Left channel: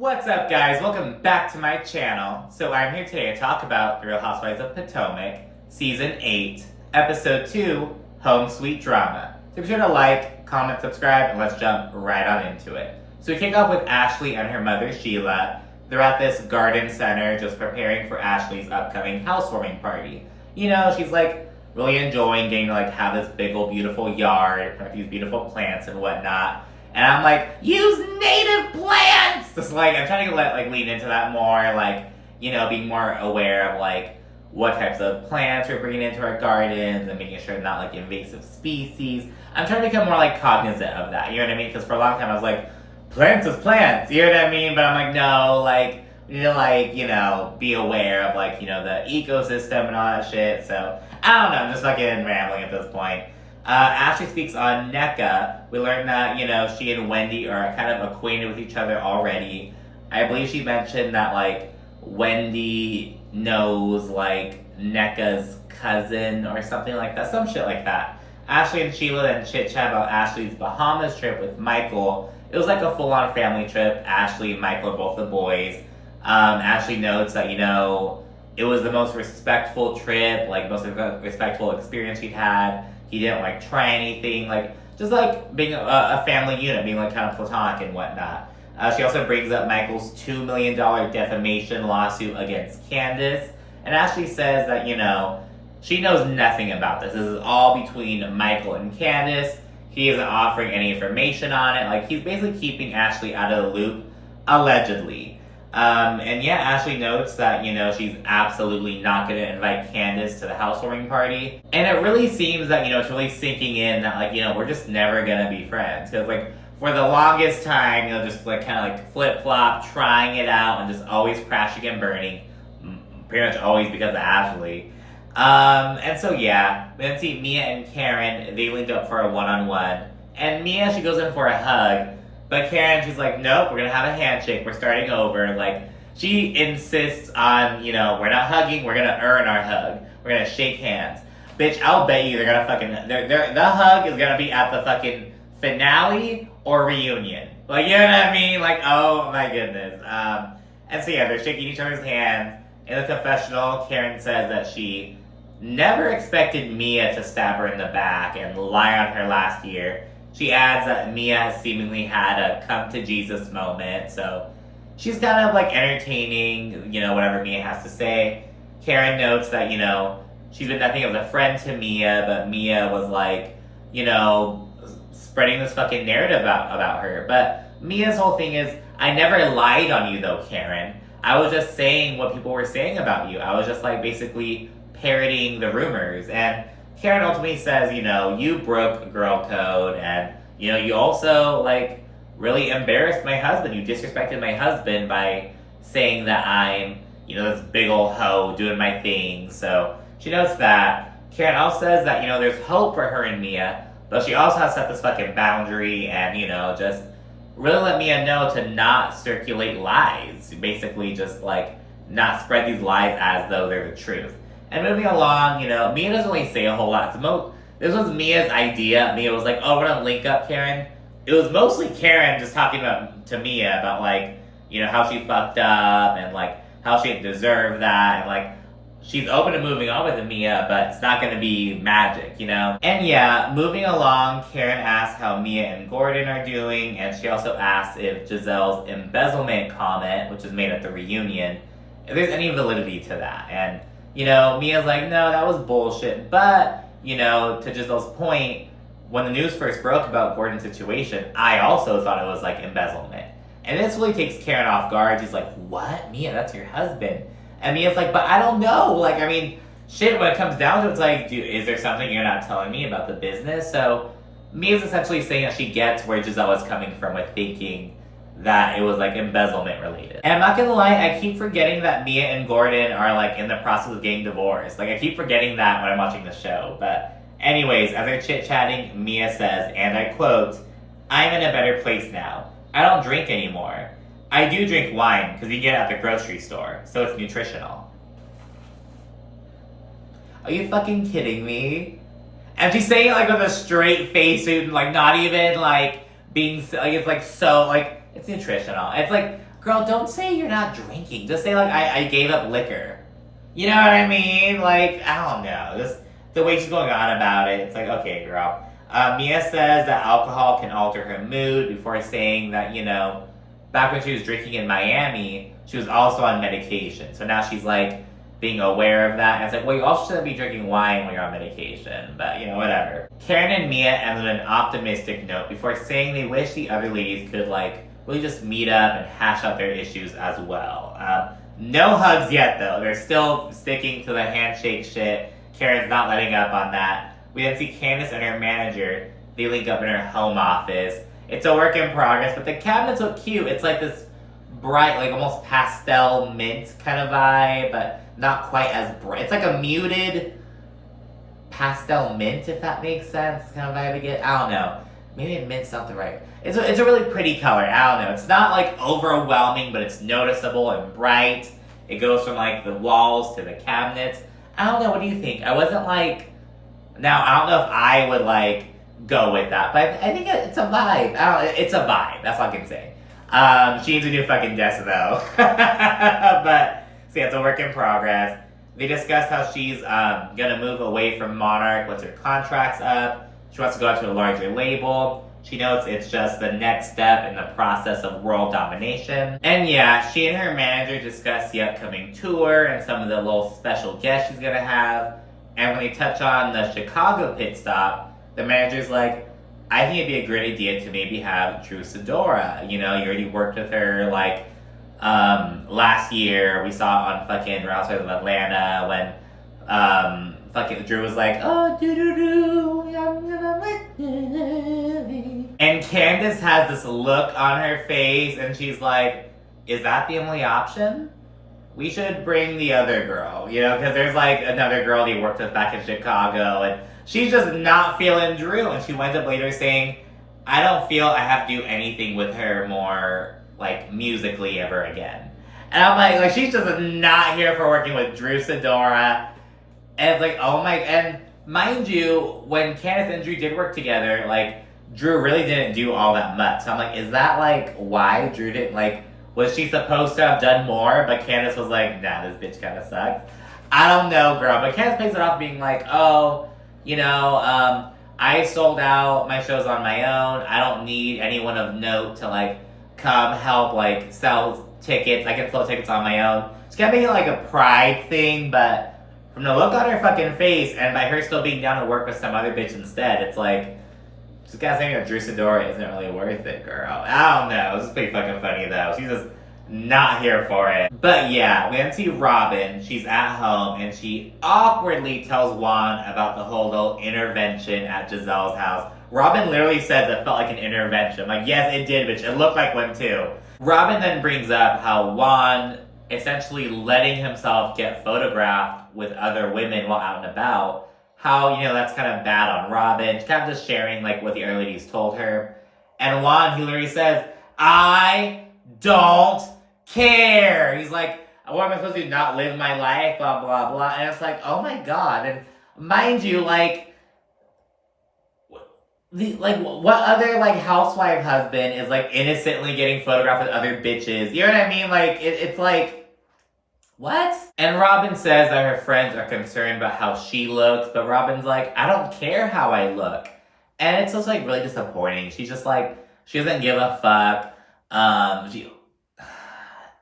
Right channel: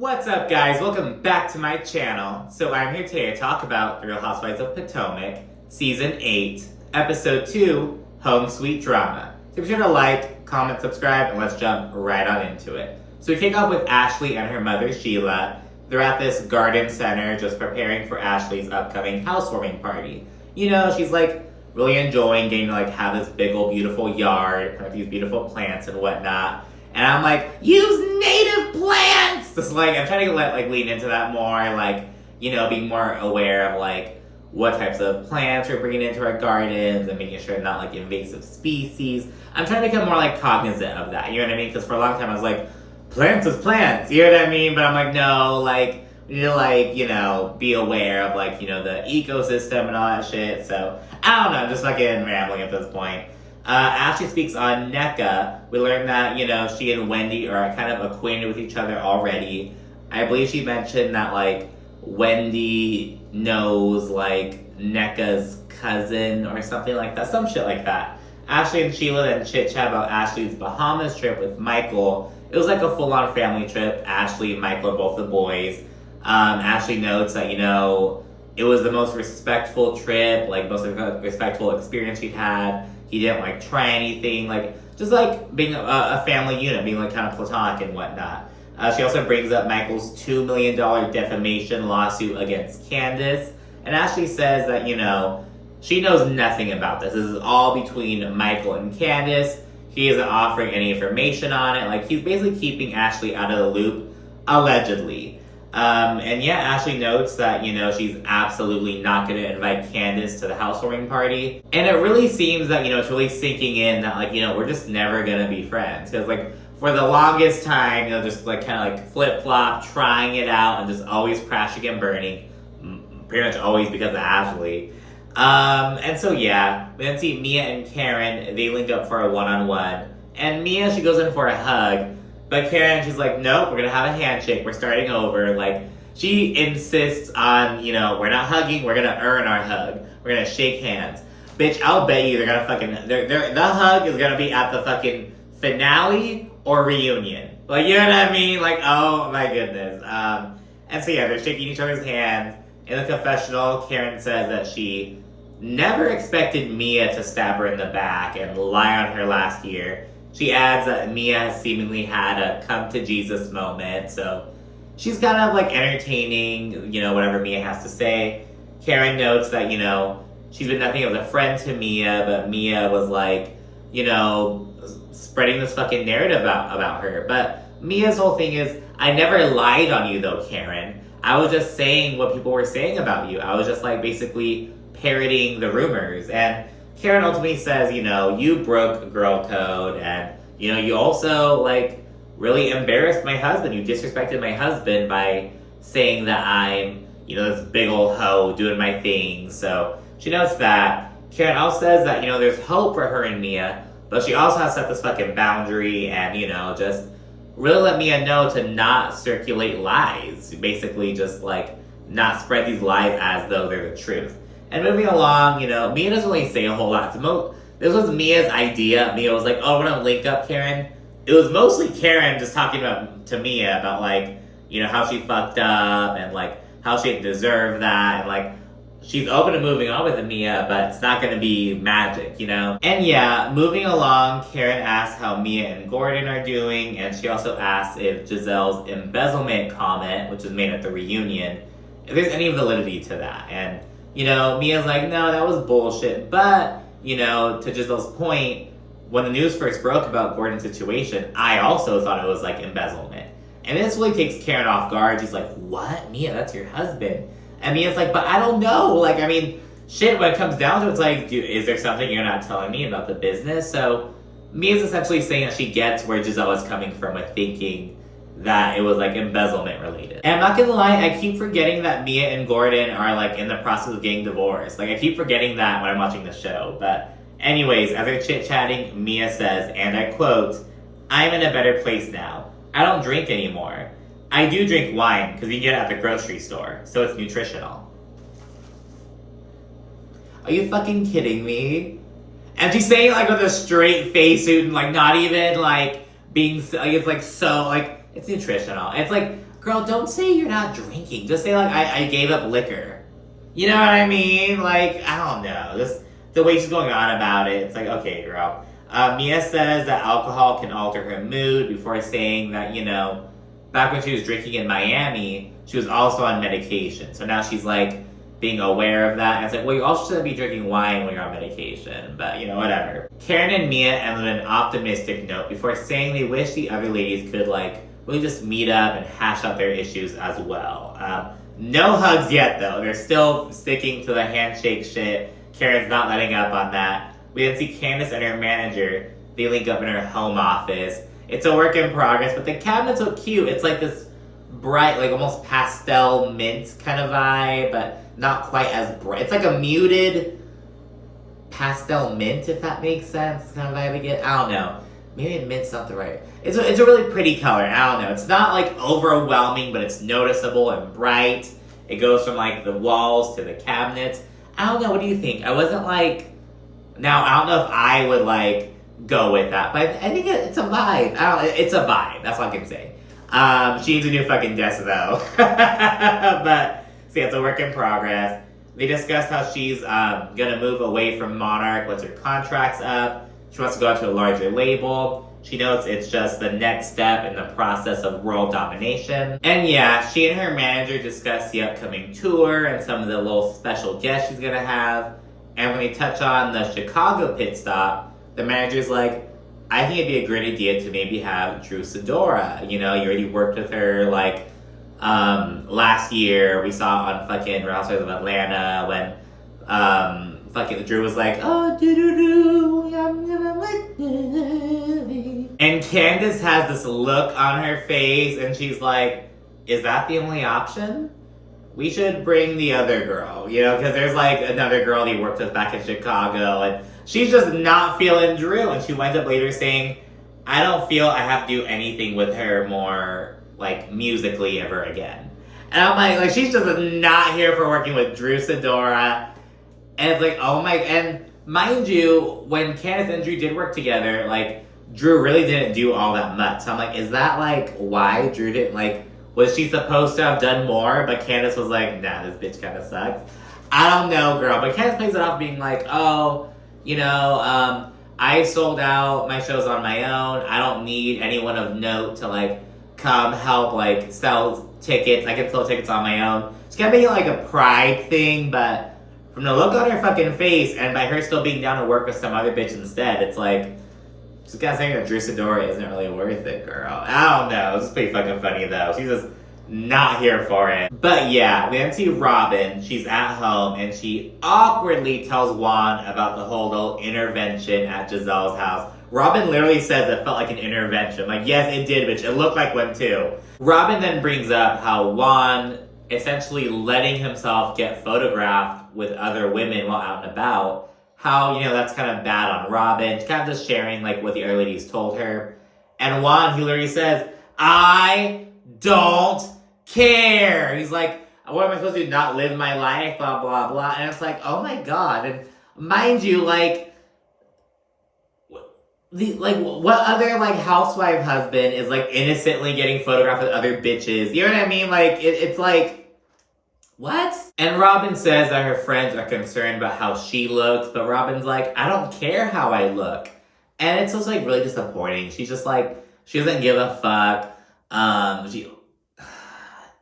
What's up, guys? Welcome back to my channel. So I'm here today to talk about The Real Housewives of Potomac, Season 8, Episode 2, Home Sweet Drama. So be sure to like, comment, subscribe, and let's jump right on into it. So we kick off with Ashley and her mother, Sheila. They're at this garden center just preparing for Ashley's upcoming housewarming party. You know, she's like really enjoying getting to like have this big old beautiful yard, have these beautiful plants and whatnot. And I'm like, use native plants! Just like, I'm trying to lean into that more, like, you know, being more aware of like what types of plants we're bringing into our gardens and making sure not like invasive species. I'm trying to become more like cognizant of that, you know what I mean? Because for a long time I was like, plants is plants, you know what I mean? But I'm like, no, like, we need to like, you know, be aware of like, you know, the ecosystem and all that shit. So, I don't know, I'm just fucking rambling at this point. Ashley speaks on NECA. We learned that, you know, she and Wendy are kind of acquainted with each other already. I believe she mentioned that, like, Wendy knows, like, NECA's cousin or something like that. Some shit like that. Ashley and Sheila then chit-chat about Ashley's Bahamas trip with Michael. It was like a full-on family trip. Ashley and Michael are both the boys. Ashley notes that, you know, it was the most respectful trip, like, most respectful experience she'd had. He didn't, like, try anything, like, just, like, being a family unit, being, like, kind of platonic and whatnot. She also brings up Michael's $2 million defamation lawsuit against Candace. And Ashley says that, you know, she knows nothing about this. This is all between Michael and Candace. He isn't offering any information on it. Like, he's basically keeping Ashley out of the loop, allegedly. And yeah, Ashley notes that, you know, she's absolutely not going to invite Candace to the housewarming party. And it really seems that, you know, it's really sinking in that, like, you know, we're just never going to be friends. Because, like, for the longest time, you know, just, like, kind of, like, flip-flop, trying it out, and just always crashing and burning. Pretty much always because of Ashley. And so, yeah, we then see Mia and Karen, they linked up for a one-on-one. And Mia, she goes in for a hug. But Karen, she's like, nope, we're going to have a handshake. We're starting over. Like, she insists on, you know, we're not hugging. We're going to earn our hug. We're going to shake hands. Bitch, I'll bet you they're going to fucking... the hug is going to be at the fucking finale or reunion. Like, you know what I mean? Like, oh my goodness. And so, yeah, they're shaking each other's hands. In the confessional, Karen says that she never expected Mia to stab her in the back and lie on her last year. She adds that Mia has seemingly had a come-to-Jesus moment, so she's kind of, like, entertaining, you know, whatever Mia has to say. Karen notes that, you know, she's been nothing of a friend to Mia, but Mia was, like, you know, spreading this fucking narrative about her. But Mia's whole thing is, I never lied on you, though, Karen. I was just saying what people were saying about you. I was just, like, basically parroting the rumors, and Karen ultimately says, you know, you broke girl code, and, you know, you also, like, really embarrassed my husband. You disrespected my husband by saying that I'm, you know, this big old hoe doing my thing. So she notes that. Karen also says that, you know, there's hope for her and Mia, but she also has set this fucking boundary and, you know, just really let Mia know to not circulate lies. Basically just, like, not spread these lies as though they're the truth. And moving along, you know, Mia doesn't really say a whole lot. This was Mia's idea. Mia was like, oh, we're gonna link up, Karen. It was mostly Karen just talking to Mia about, like, you know, how she fucked up and, like, how she didn't deserve that. And, like, she's open to moving on with Mia, but it's not gonna be magic, you know? And yeah, moving along, Karen asks how Mia and Gordon are doing. And she also asks if Giselle's embezzlement comment, which was made at the reunion, if there's any validity to that. And you know, Mia's like, no, that was bullshit. But, you know, to Giselle's point, when the news first broke about Gordon's situation, I also thought it was, like, embezzlement. And this really takes Karen off guard. She's like, what? Mia, that's your husband. And Mia's like, but I don't know. Like, I mean, shit, when it comes down to it, it's like, is there something you're not telling me about the business? So Mia's essentially saying that she gets where Giselle is coming from with thinking that it was, like, embezzlement related. And I'm not gonna lie, I keep forgetting that Mia and Gordon are, like, in the process of getting divorced. Like, I keep forgetting that when I'm watching the show. But anyways, as they're chit-chatting, Mia says, and I quote, I'm in a better place now. I don't drink anymore. I do drink wine, because you can get it at the grocery store, so it's nutritional. Are you fucking kidding me? And she's saying it, like, with a straight face and, like, not even, like, being, like, it's, like, so, like, it's nutritional. It's like, Girl, don't say you're not drinking. Just say, like, I gave up liquor. You know what I mean? Like, I don't know. The way she's going on about it, it's like, okay, girl. Mia says that alcohol can alter her mood before saying that, you know, back when she was drinking in Miami, she was also on medication. So now she's, like, being aware of that. And it's like, well, you also shouldn't be drinking wine when you're on medication. But, you know, whatever. Karen and Mia ended on an optimistic note before saying they wish the other ladies could, like, really just meet up and hash out their issues as well. No hugs yet, though. They're still sticking to the handshake shit. Karen's not letting up on that. We then see Candace and her manager. They link up in her home office. It's a work in progress, but the cabinets look cute. It's like this bright, like almost pastel mint kind of vibe, but not quite as bright. It's like a muted pastel mint, if that makes sense. Kind of vibe I get. I don't know. Maybe mint's not the right. It's a really pretty color. I don't know. It's not like overwhelming, but it's noticeable and bright. It goes from like the walls to the cabinets. I don't know. What do you think? I wasn't like. Now I don't know if I would like go with that, but I think it's a vibe. It's a vibe. That's all I can say. She needs a new fucking desk though. But see, it's a work in progress. They discussed how she's gonna move away from Monarch once her contract's up. She wants to go out to a larger label. She notes it's just the next step in the process of world domination. And yeah, she and her manager discuss the upcoming tour and some of the little special guests she's gonna have. And when they touch on the Chicago pit stop, the manager's like, I think it'd be a great idea to maybe have Drew Sidora. You know, you already worked with her like last year. We saw on fucking Real Housewives of Atlanta when fucking Drew was like, oh, do-do-do, I'm gonna like it. And Candace has this look on her face and she's like, is that the only option? We should bring the other girl, you know, because there's like another girl he worked with back in Chicago and she's just not feeling Drew. And she winds up later saying, I don't feel I have to do anything with her more like musically ever again. And I'm like she's just not here for working with Drew Sidora. And it's like, oh my, and mind you, when Candace and Drew did work together, like, Drew really didn't do all that much. So I'm like, is that, like, why Drew didn't, like, was she supposed to have done more? But Candace was like, nah, this bitch kind of sucks. I don't know, girl. But Candace plays it off being like, oh, you know, I sold out my shows on my own. I don't need anyone of note to, like, come help, like, sell tickets. I can sell tickets on my own. It's gonna be, like, a pride thing, but from the look on her fucking face, and by her still being down to work with some other bitch instead, it's like, she's got saying that Drew Sidora isn't really worth it, girl. I don't know. This is pretty fucking funny, though. She's just not here for it. But yeah, we then see Robin. She's at home, and she awkwardly tells Juan about the whole little intervention at Giselle's house. Robin literally says it felt like an intervention. Like, yes, it did, bitch. It looked like one, too. Robin then brings up how Juan essentially letting himself get photographed with other women while out and about, how, you know, that's kind of bad on Robin. She's kind of just sharing, like, what the other ladies told her. And Juan, he literally says, I don't care. He's like, what am I supposed to do, not live my life, blah, blah, blah. And it's like, oh my God. And mind you, like, what other, like, housewife husband is, like, innocently getting photographed with other bitches? You know what I mean? Like, it's like, what? And Robin says that her friends are concerned about how she looks, but Robin's like, I don't care how I look. And it's just, like, really disappointing. She's just, like, she doesn't give a fuck.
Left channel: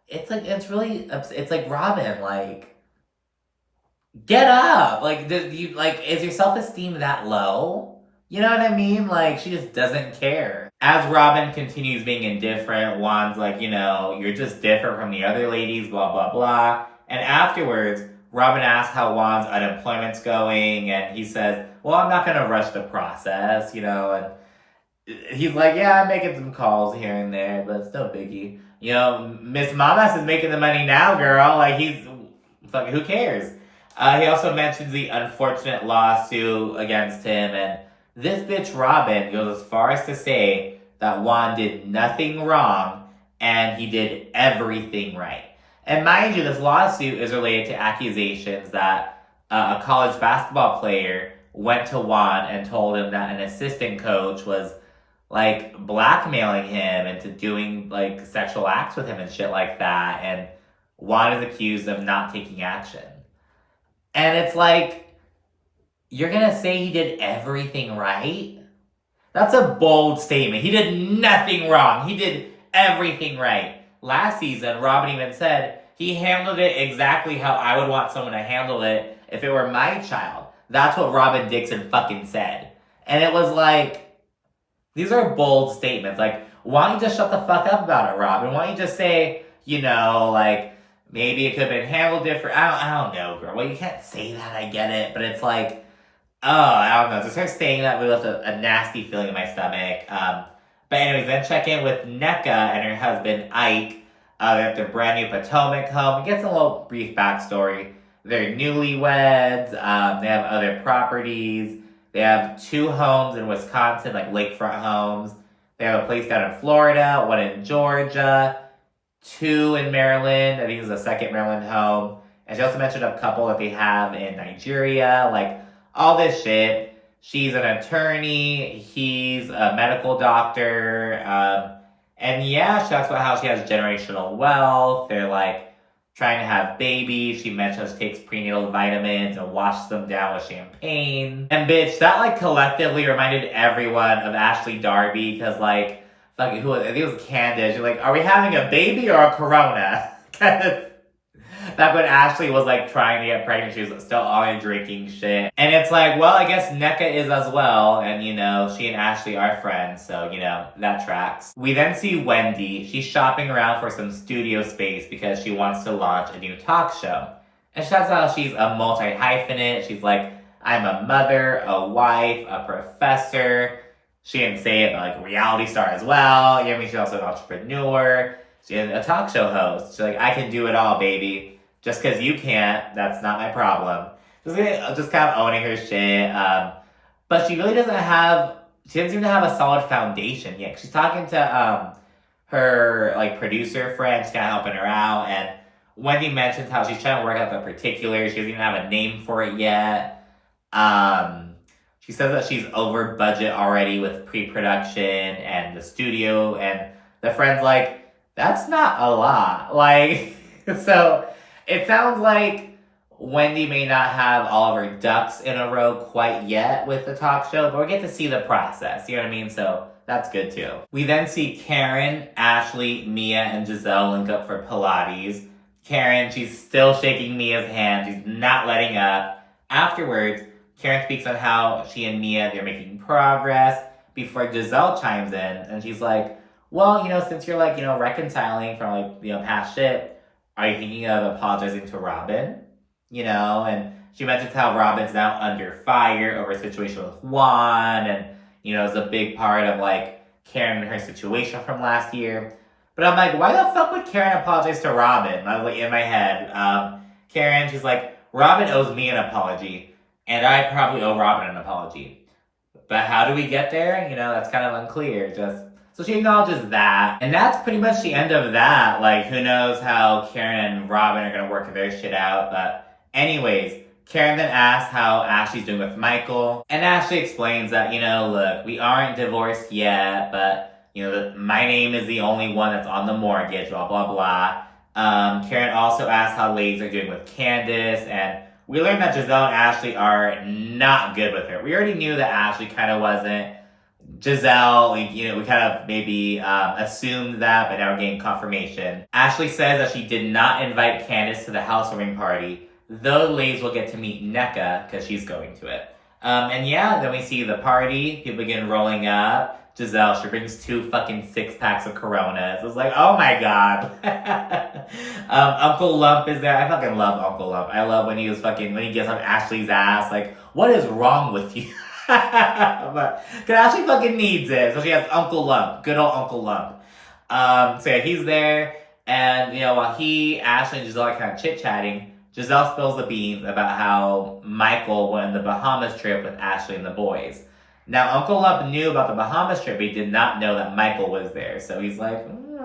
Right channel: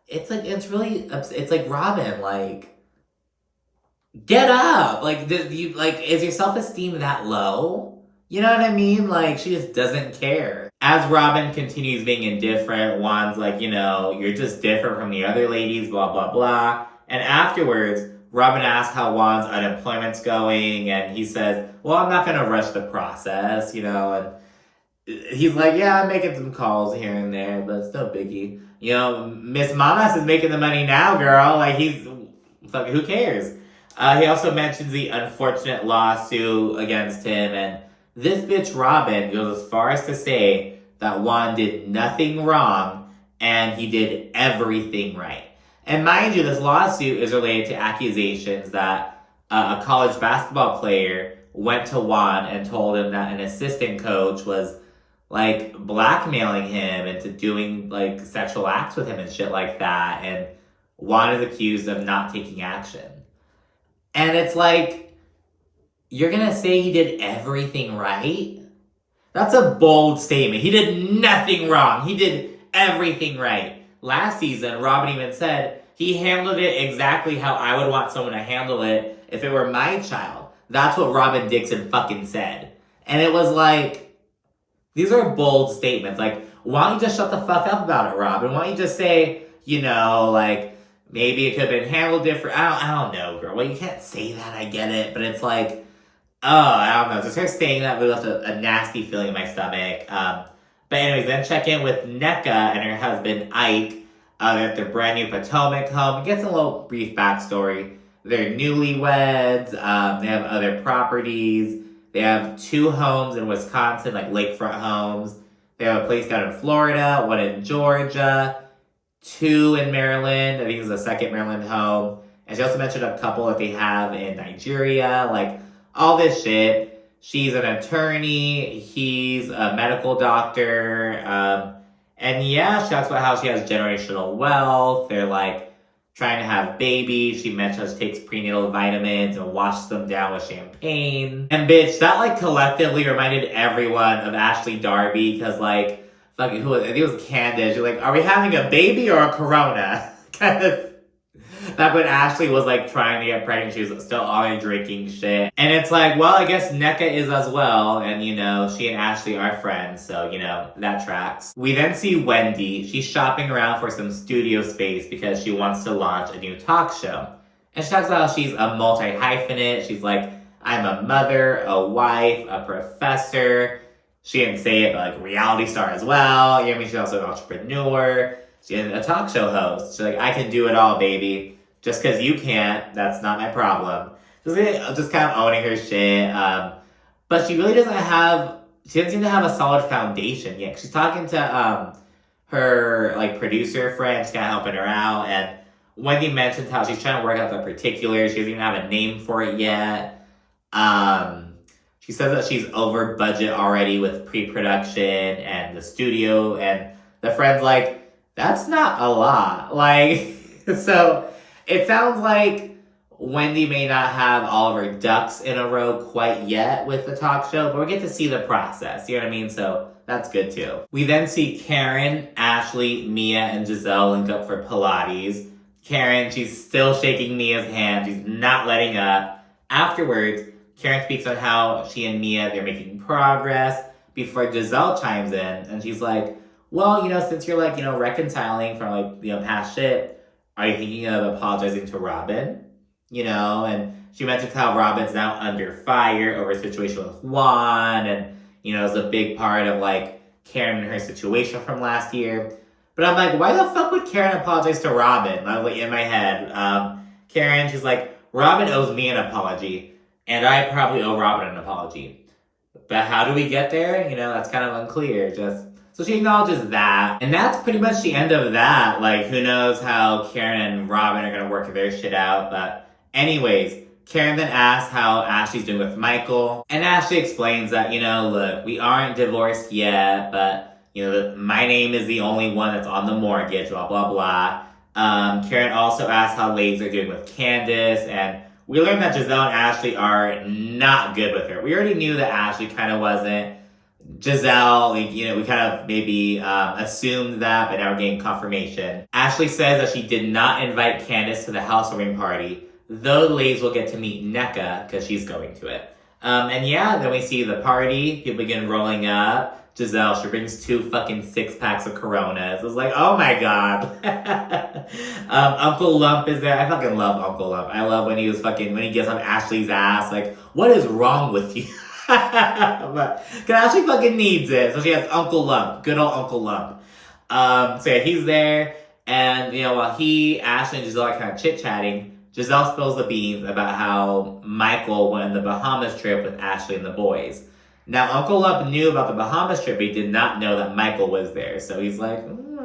It's, like, it's, like, Robin, like, get up. Like, is your self-esteem that low? You know what I mean? Like, she just doesn't care. As Robin continues being indifferent, Juan's like, you know, you're just different from the other ladies, blah, blah, blah. And afterwards, Robin asks how Juan's unemployment's going, and he says, well, I'm not gonna rush the process, you know, and he's like, yeah, I'm making some calls here and there, but it's no biggie. You know, Miss Mamas is making the money now, girl. Like, fucking, who cares? He also mentions the unfortunate lawsuit against him, and this bitch Robin goes as far as to say that Juan did nothing wrong and he did everything right. And mind you, this lawsuit is related to accusations that a college basketball player went to Juan and told him that an assistant coach was like, blackmailing him into doing, like, sexual acts with him and shit like that. And Juan is accused of not taking action. And it's like, you're gonna say he did everything right? That's a bold statement. He did nothing wrong. He did everything right. Last season, Robin even said he handled it exactly how I would want someone to handle it if it were my child. That's what Robin Dixon fucking said. And it was like, these are bold statements. Like, why don't you just shut the fuck up about it, Robin? Why don't you just say, you know, like, maybe it could have been handled different. I don't know, girl. Well, you can't say that, I get it. But it's like, oh, I don't know. Just her saying that really left a nasty feeling in my stomach. But anyways, then check in with NECA and her husband, Ike. They're at their brand new Potomac home. It gets a little brief backstory. They're newlyweds. They have other properties. They have 2 homes in Wisconsin, like lakefront homes. They have a place down in Florida, one in Georgia, 2 in Maryland. I think it's the second Maryland home. And she also mentioned a couple that they have in Nigeria, like all this shit. She's an attorney. He's a medical doctor. And yeah, she talks about how she has generational wealth. They're like trying to have babies. She mentions she takes prenatal vitamins and washes them down with champagne. And bitch, that like collectively reminded everyone of Ashley Darby because like, fucking who was, I think it was Candace. You're like, are we having a baby or a corona? Because back when Ashley was like trying to get pregnant, she was still on drinking shit. And it's like, well, I guess NECA is as well. And you know, she and Ashley are friends. So, you know, that tracks. We then see Wendy. She's shopping around for some studio space because she wants to launch a new talk show. And she talks about how she's a multi-hyphenate. She's like, I'm a mother, a wife, a professor. She didn't say it, but like reality star as well. You know what I mean? She's also an entrepreneur. She's a talk show host. She's like, I can do it all, baby. Just because you can't, that's not my problem. Just kind of owning her shit. But she really she doesn't seem to have a solid foundation yet. She's talking to her like producer friend, she's kind of helping her out. And Wendy mentions how she's trying to work out the particulars. She doesn't even have a name for it yet. She says that she's over budget already with pre-production and the studio. And the friend's like, that's not a lot. Like, so it sounds like Wendy may not have all of her ducks in a row quite yet with the talk show, but we get to see the process, you know what I mean? So that's good too. We then see Karen, Ashley, Mia, and Giselle link up for Pilates. Karen, she's still shaking Mia's hand. She's not letting up. Afterwards, Karen speaks on how she and Mia, they're making progress before Giselle chimes in, and she's like, well, you know, since you're like, you know, reconciling from like, you know, past shit, are you thinking of apologizing to Robin? You know, and she mentions how Robin's now under fire over a situation with Juan, and, you know, it's a big part of, like, Karen and her situation from last year. But I'm like, why the fuck would Karen apologize to Robin? I was like, in my head. Karen, she's like, Robin owes me an apology, and I probably owe Robin an apology. But how do we get there? You know, that's kind of unclear. So she acknowledges that. And that's pretty much the end of that. Like, who knows how Karen and Robin are going to work their shit out. But anyways, Karen then asks how Ashley's doing with Michael. And Ashley explains that, you know, look, we aren't divorced yet, but, you know, my name is the only one that's on the mortgage, blah, blah, blah. Karen also asks how ladies are doing with Candace. And we learned that Giselle and Ashley are not good with her. We already knew that Ashley kind of wasn't. Giselle, you know, we kind of maybe assumed that, but now we're getting confirmation. Ashley says that she did not invite Candace to the housewarming party, though the ladies will get to meet NECA because she's going to it. And yeah, then we see the party. People begin rolling up. Giselle, she brings 2 fucking 6-packs of Coronas. I was like, oh my god. Uncle Lump is there. I fucking love Uncle Lump. I love when he gets on Ashley's ass. Like, what is wrong with you? But cause Ashley fucking needs it. So she has Uncle Lump. Good old Uncle Lump. So yeah, he's there. And, you know, while Ashley and Giselle are kind of chit-chatting, Giselle spills the beans about how Michael went on the Bahamas trip with Ashley and the boys. Now, Uncle Lump knew about the Bahamas trip, but he did not know that Michael was there. So he's like,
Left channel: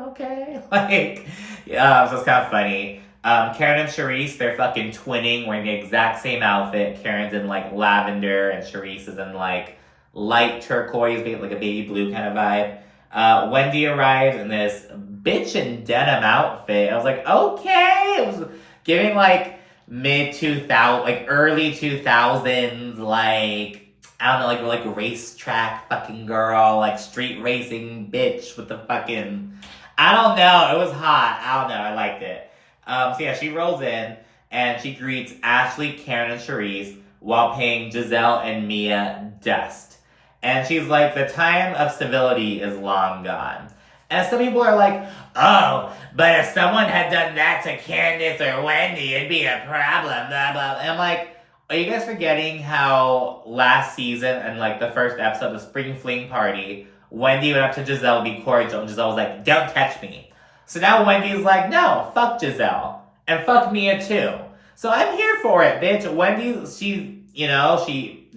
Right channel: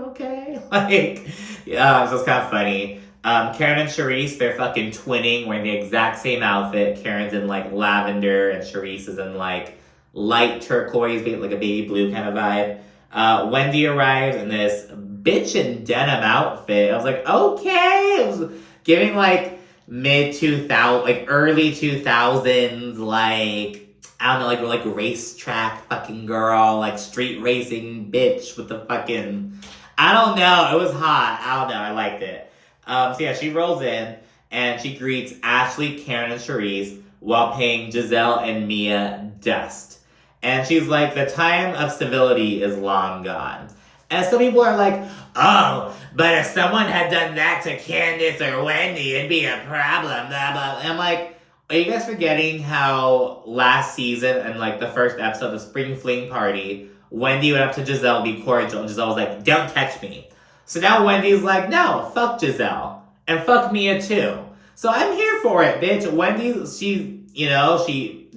okay. Like, yeah, so it's kind of funny. Karen and Charisse, they're fucking twinning, wearing the exact same outfit. Karen's in, like, lavender, and Charisse is in, like, light turquoise, like a baby blue kind of vibe. Wendy arrives in this bitch in denim outfit. I was like, okay. It was giving like mid-2000s, like early 2000s, like, I don't know, like racetrack fucking girl, like street racing bitch with the fucking, I don't know, it was hot. I don't know, I liked it. So yeah, she rolls in and she greets Ashley, Karen, and Charisse while paying Giselle and Mia dust. And she's like, the time of civility is long gone. And some people are like, oh, but if someone had done that to Candace or Wendy, it'd be a problem, blah, blah. And I'm like, are you guys forgetting how last season and like the first episode of the Spring Fling Party, Wendy went up to Giselle to be cordial, and Giselle was like, don't touch me. So now Wendy's like, no, fuck Giselle. And fuck Mia too. So I'm here for it, bitch. Wendy,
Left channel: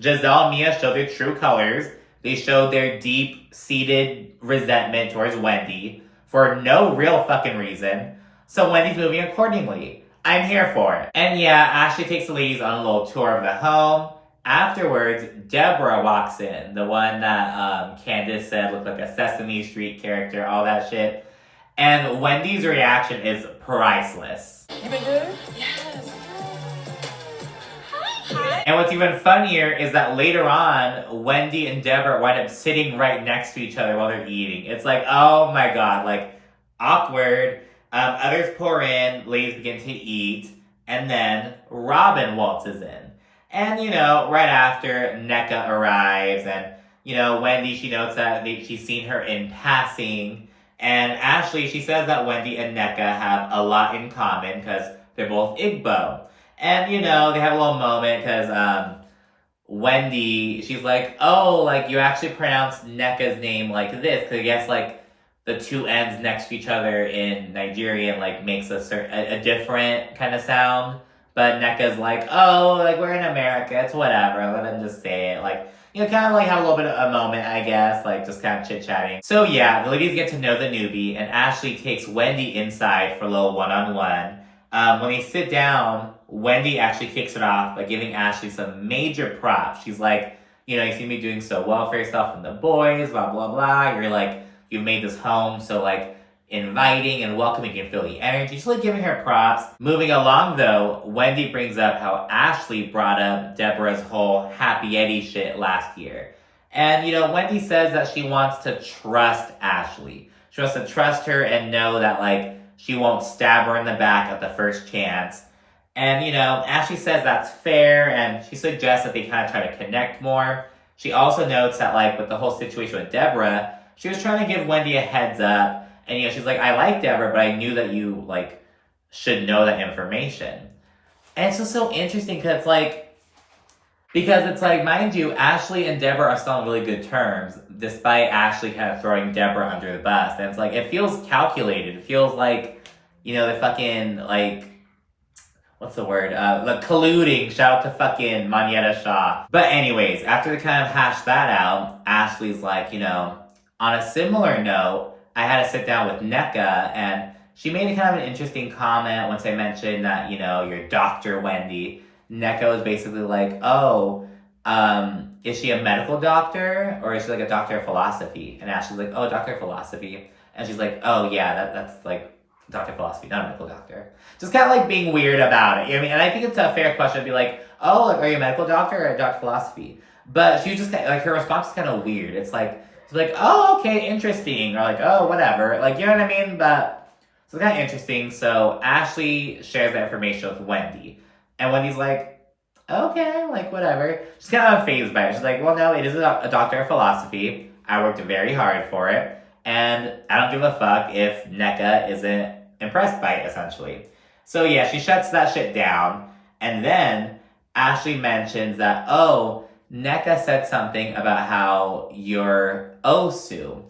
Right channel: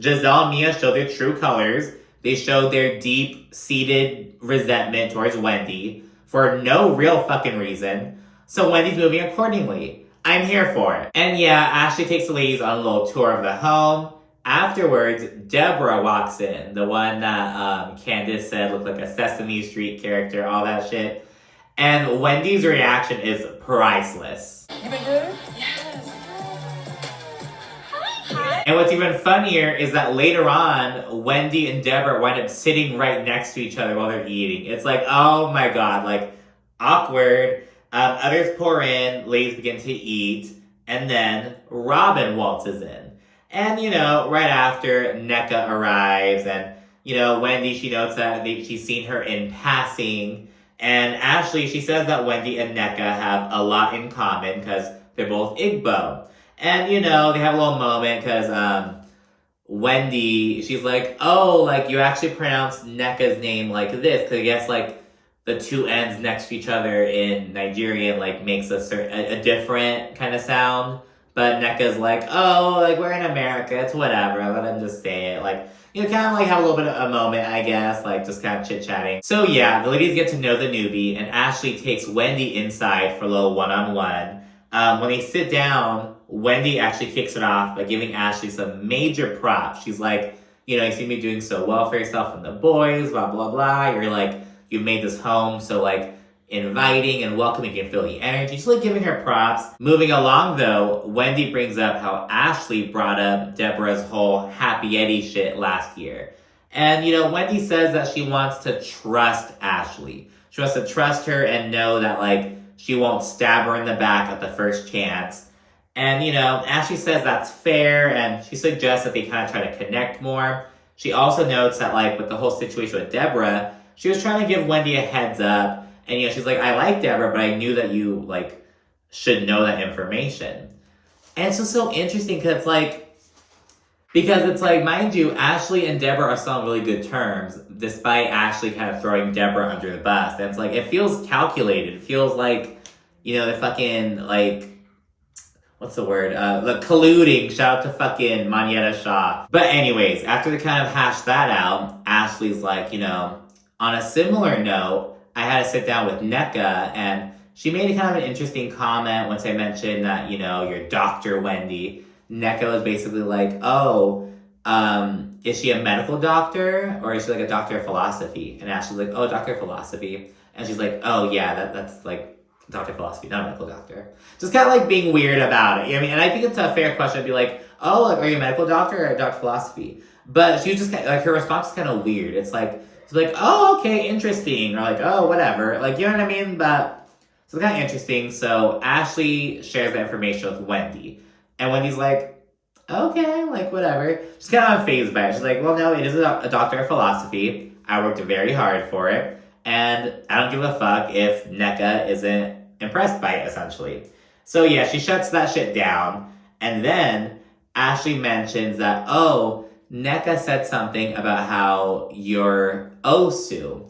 Giselle and Mia showed their true colors. They showed their deep-seated resentment towards Wendy for no real fucking reason. So Wendy's moving accordingly. I'm here for it. And yeah, Ashley takes the ladies on a little tour of the home. Afterwards, Deborah walks in. The one that Candace said looked like a Sesame Street character, all that shit. And Wendy's reaction is priceless. You been good? Yes. Hi. And what's even funnier is that later on, Wendy and Deborah wind up sitting right next to each other while they're eating. It's like, oh my god, like, awkward. Others pour in, ladies begin to eat, and then Robin waltzes in. And, right after, NECA arrives, and, Wendy, she notes that she's seen her in passing. And Ashley, she says that Wendy and NECA have a lot in common because they're both Igbo. And, they have a little moment because Wendy, she's like, oh, like, you actually pronounced NECA's name like this, because I guess, like, the two ends next to each other in Nigerian, like, makes a different kind of sound. But NECA's like, oh, like, we're in America, it's whatever, let them just say it. Like, kind of like have a little bit of a moment, I guess, like, just kind of chit-chatting. So yeah, the ladies get to know the newbie, and Ashley takes Wendy inside for a little one-on-one. When they sit down, Wendy actually kicks it off by giving Ashley some major props. She's like, you see me doing so well for yourself and the boys, blah, blah, blah. You're like, you've made this home so, like, inviting and welcoming, you can feel the energy. She's, like, giving her props. Moving along, though, Wendy brings up how Ashley brought up Deborah's whole Happy Eddie shit last year. And, Wendy says that she wants to trust Ashley. She wants to trust her and know that, like, she won't stab her in the back at the first chance. And, Ashley says that's fair, and she suggests that they kind of try to connect more. She also notes that, like, with the whole situation with Deborah, she was trying to give Wendy a heads up. And, she's like, I like Deborah, but I knew that you, like, should know that information. And it's just so interesting because it's like, mind you, Ashley and Deborah are still on really good terms, despite Ashley kind of throwing Deborah under the bus. And it's like, it feels calculated. It feels like, the fucking, like, what's the word? The colluding. Shout out to fucking Manietta Shaw. But anyways, after they kind of hash that out, Ashley's like, on a similar note, I had to sit down with NECA, and she made a kind of an interesting comment once I mentioned that, your Dr. Wendy. NECA was basically like, oh, is she a medical doctor, or is she like a doctor of philosophy? And Ashley's like, oh, doctor of philosophy. And she's like, oh yeah, that's like doctor of philosophy, not a medical doctor. Just kind of like being weird about it. And I think it's a fair question to be like, oh, like, are you a medical doctor or a doctor of philosophy? But she was just like, her response is kind of weird. It's like, oh, okay, interesting. Or like, oh, whatever. Like, you know what I mean? But it's kind of interesting. So Ashley shares that information with Wendy. And Wendy's like, okay, like, whatever. She's kind of unfazed by it. She's like, well, no, it is a doctor of philosophy. I worked very hard for it. And I don't give a fuck if NECA isn't impressed by it, essentially. So yeah, she shuts that shit down. And then Ashley mentions that, oh, NECA said something about how you're Osu.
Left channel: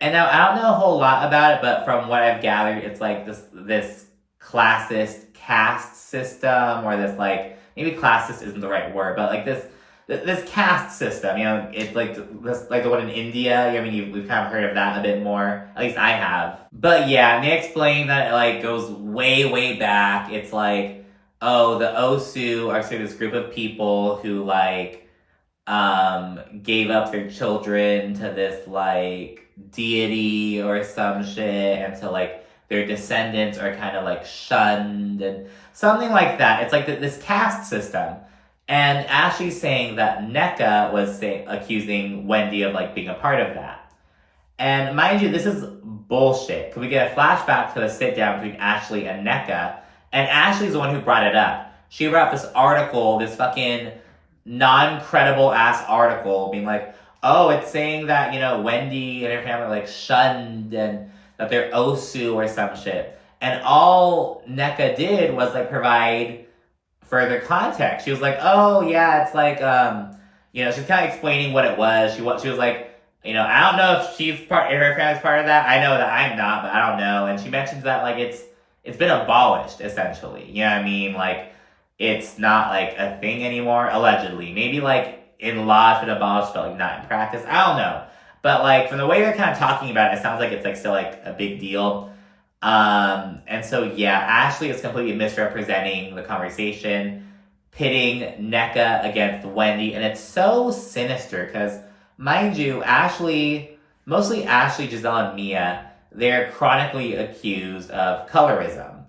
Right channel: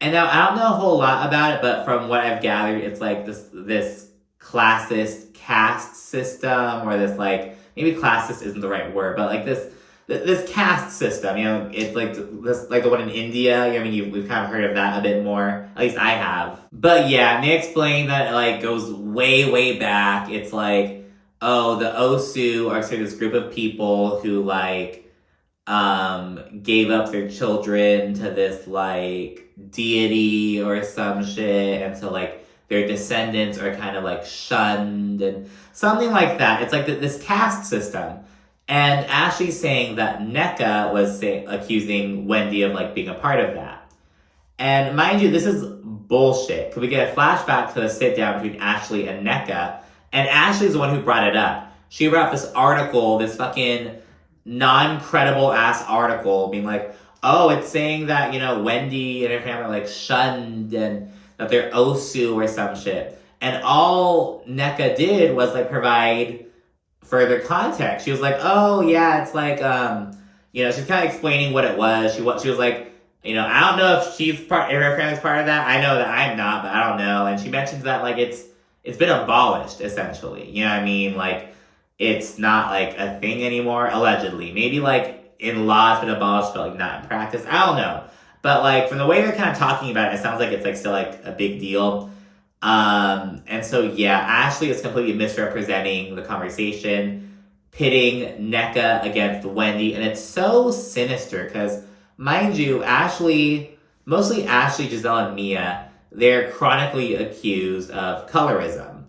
And now, I don't know a whole lot about it, but from what I've gathered, it's like this classist caste system, or this, like, maybe classist isn't the right word, but like this caste system, it's like this, like the one in India. We've kind of heard of that a bit more. At least I have. But yeah, and they explain that it, like, goes way, way back. It's like, oh, the Osu are sort of this group of people who, like, gave up their children to this, like, deity or some shit, and so, like, their descendants are kind of, like, shunned, and something like that. It's like this caste system. And Ashley's saying that NECA was accusing Wendy of, like, being a part of that. And mind you, this is bullshit. Could we get a flashback to the sit-down between Ashley and NECA? And Ashley's the one who brought it up. She brought up this article, this fucking non-credible ass article, being like, oh, it's saying that, you know, Wendy and her family are, like, shunned and that they're Osu or some shit. And all NECA did was, like, provide further context. She was like, oh, yeah, it's like, you know, she's kind of explaining what it was. She was like, you know, I don't know if if her family's part of that. I know that I'm not, but I don't know. And she mentions that, like, it's been abolished, essentially. You know what I mean? Like, it's not, like, a thing anymore, allegedly. Maybe, like, in law it's been abolished, but, like, not in practice. I don't know. But, like, from the way they're kind of talking about it, it sounds like it's, like, still, like, a big deal. And so, yeah, Ashley is completely misrepresenting the conversation, pitting NECA against Wendy. And it's so sinister because, mind you, mostly Ashley, Giselle, and Mia, they're chronically accused of colorism.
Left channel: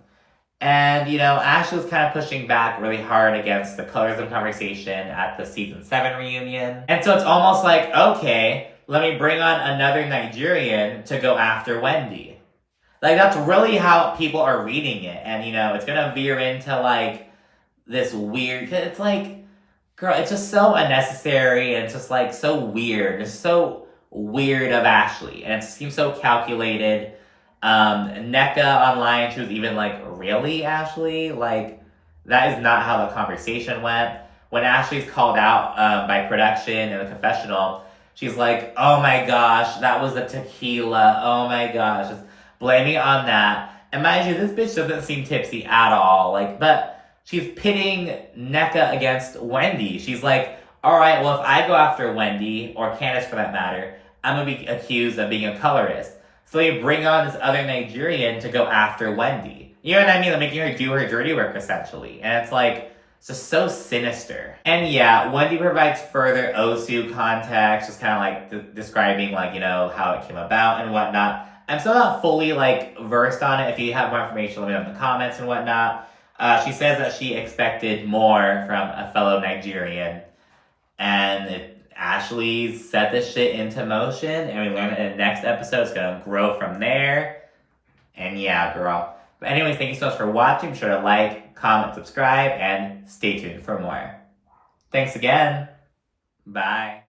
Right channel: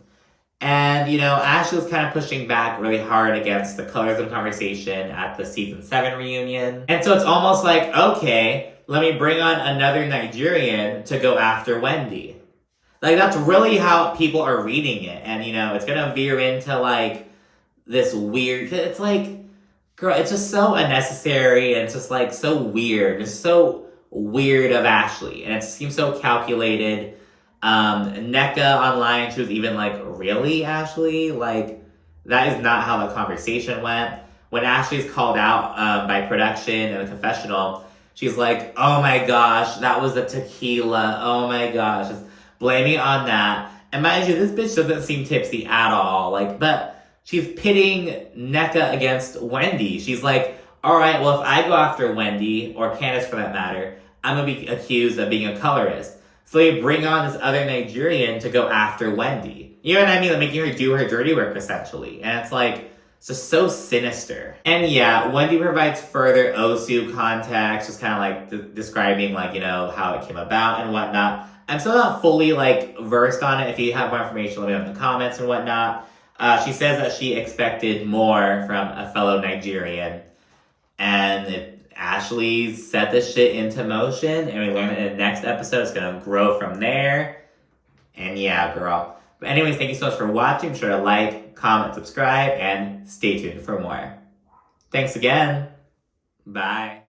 And, you know, Ashley was kind of pushing back really hard against the colorism conversation at the season 7 reunion. And so it's almost like, okay, let me bring on another Nigerian to go after Wendy. Like, that's really how people are reading it. And, you know, it's gonna veer into, like, this weird, it's like, girl, it's just so unnecessary, and it's just, like, so weird. It's so weird of Ashley, and it seems so calculated. NECA online, she was even like, really, Ashley? Like, that is not how the conversation went. When Ashley's called out by production in the confessional, she's like, oh my gosh, that was the tequila. Oh my gosh, just blaming it on that. And mind you, this bitch doesn't seem tipsy at all. Like, but she's pitting NECA against Wendy. She's like, all right, well, if I go after Wendy, or Candace for that matter, I'm going to be accused of being a colorist. So they bring on this other Nigerian to go after Wendy. You know what I mean? Like, making her do her dirty work, essentially. And it's like, it's just so sinister. And yeah, Wendy provides further Osu context, just kind of like describing, like, you know, how it came about and whatnot. I'm still not fully, like, versed on it. If you have more information, let me know in the comments and whatnot. She says that she expected more from a fellow Nigerian. And Ashley set this shit into motion, and we learn that in the next episode it's gonna grow from there. And yeah, girl. But anyways, thank you so much for watching. Be sure to like, comment, subscribe, and stay tuned for more. Thanks again. Bye.